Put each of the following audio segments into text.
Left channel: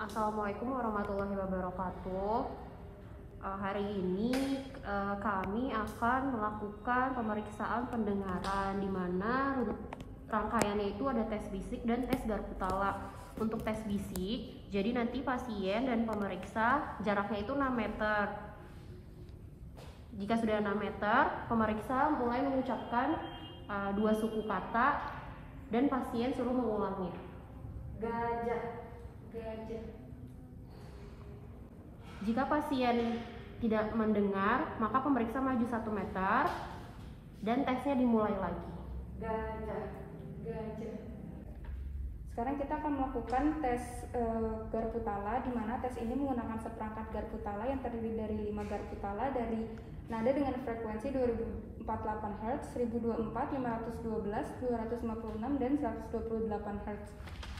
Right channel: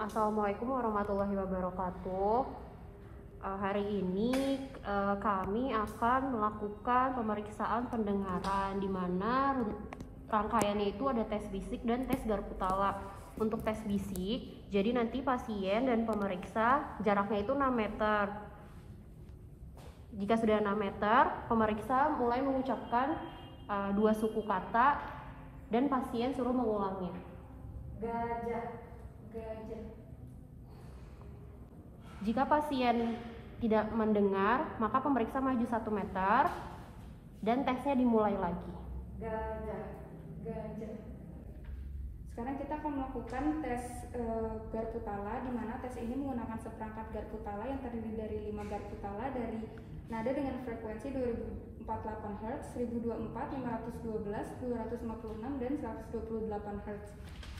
Assalamualaikum warahmatullahi wabarakatuh. Hari ini kami akan melakukan pemeriksaan pendengaran, di mana rangkaiannya itu ada tes bisik dan tes garpu tala. Untuk tes bisik, jadi nanti pasien dan pemeriksa jaraknya itu 6 meter. Jika sudah 6 meter, pemeriksa mulai mengucapkan 2 suku kata dan pasien suruh mengulangnya. Gajah, gajah. Jika pasien tidak mendengar, maka pemeriksa maju 1 meter dan tesnya dimulai lagi. Gajah, gajah. Sekarang kita akan melakukan tes garpu tala, di mana tes ini menggunakan seperangkat garpu tala yang terdiri dari 5 garpu tala dari nada dengan frekuensi 2048 Hz, 1024, 512, 256, dan 128 Hz.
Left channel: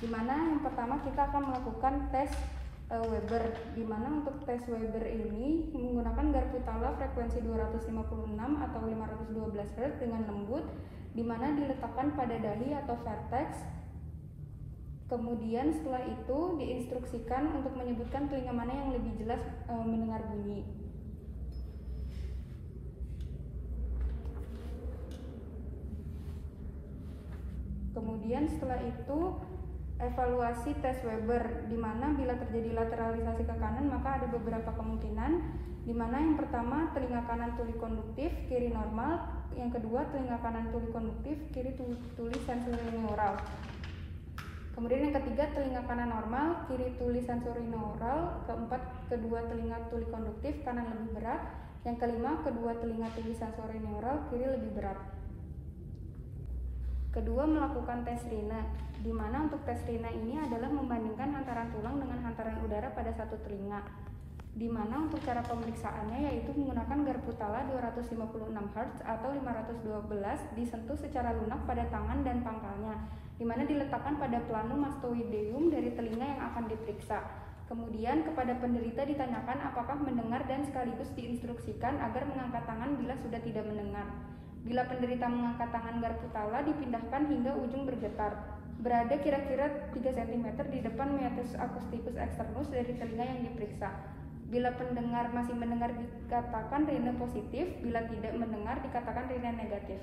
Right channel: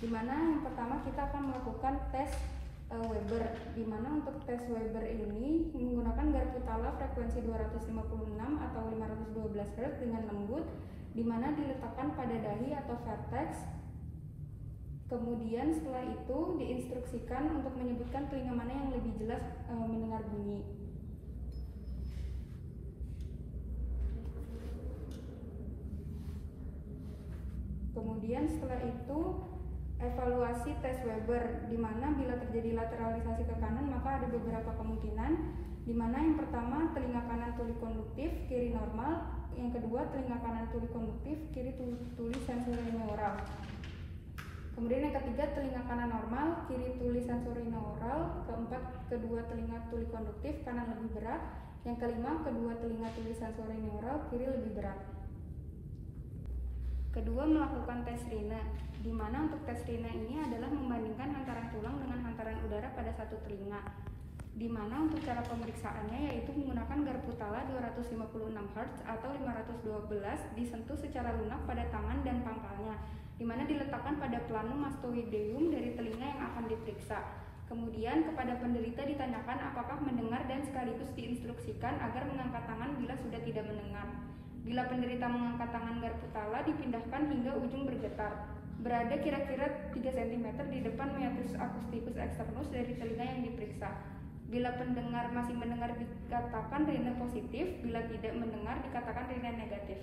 Di mana yang pertama kita akan melakukan tes Weber, di mana untuk tes Weber ini menggunakan garpu tala frekuensi 256 atau 512 Hz dengan lembut, di mana diletakkan pada dahi atau vertex. Kemudian setelah itu diinstruksikan untuk menyebutkan telinga mana yang lebih jelas mendengar bunyi. Kemudian setelah itu evaluasi tes Weber, di mana bila terjadi lateralisasi ke kanan maka ada beberapa kemungkinan, di mana yang pertama telinga kanan tuli konduktif, kiri normal, yang kedua telinga kanan tuli konduktif, kiri tuli sensorineural. Kemudian yang ketiga telinga kanan normal, kiri tuli sensorineural, keempat kedua telinga tuli konduktif, kanan lebih berat, yang kelima kedua telinga tuli sensorineural, kiri lebih berat. Kedua, melakukan tes rina, di mana untuk tes rina ini adalah membandingkan hantaran tulang dengan hantaran udara pada satu telinga. Di mana untuk cara pemeriksaannya yaitu menggunakan garpu tala 256 Hz atau 512 disentuh secara lunak pada tangan dan pangkalnya, di mana diletakkan pada planum mastoideum dari telinga yang akan diperiksa. Kemudian kepada penderita ditanyakan apakah mendengar dan sekaligus diinstruksikan agar mengangkat tangan bila sudah tidak mendengar. Bila penderita mengangkat tangan garpu tala dipindahkan hingga ujung bergetar, berada kira-kira 3 cm di depan meatus acousticus externus dari telinga yang diperiksa. Bila pendengar masih mendengar dikatakan rina positif, bila tidak mendengar dikatakan rina negatif.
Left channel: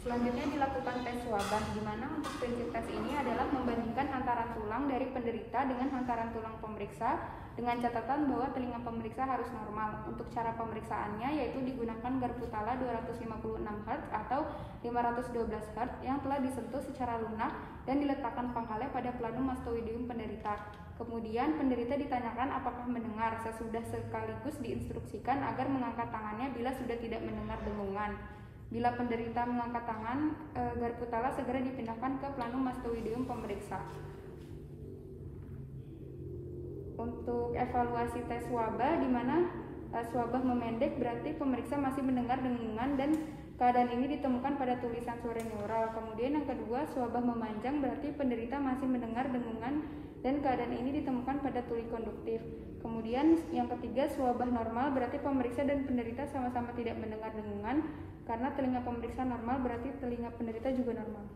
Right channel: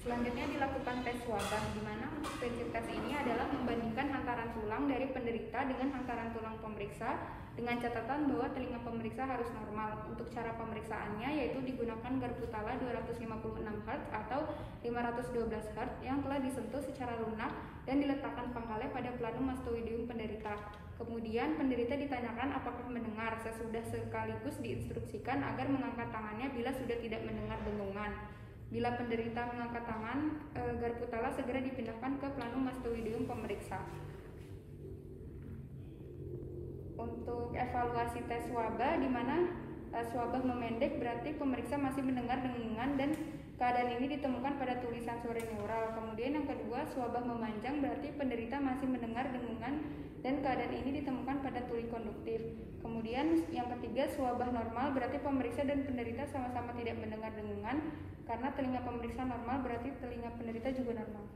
Selanjutnya dilakukan tes wabah, di mana untuk prinsip tes ini adalah membandingkan hantaran tulang dari penderita dengan hantaran tulang pemeriksa, dengan catatan bahwa telinga pemeriksa harus normal. Untuk cara pemeriksaannya yaitu digunakan garpu tala 256 Hz atau 512 Hz yang telah disentuh secara lunak dan diletakkan pangkalnya pada planum mastoideum penderita. Kemudian penderita ditanyakan apakah mendengar, sesudah sekaligus diinstruksikan agar mengangkat tangannya bila sudah tidak mendengar dengungan. Bila penderita mengangkat tangan, garpu tala segera dipindahkan ke planum mastoideum pemeriksa. Untuk evaluasi tes wabah, di mana wabah memendek berarti pemeriksa masih mendengar dengungan dan keadaan ini ditemukan pada tuli sensorineural. Kemudian yang kedua, wabah memanjang berarti penderita masih mendengar dengungan dan keadaan ini ditemukan pada tuli konduktif. Kemudian yang ketiga, wabah normal berarti pemeriksa dan penderita sama-sama tidak mendengar dengungan, karena telinga pemeriksa normal berarti telinga penderita juga normal.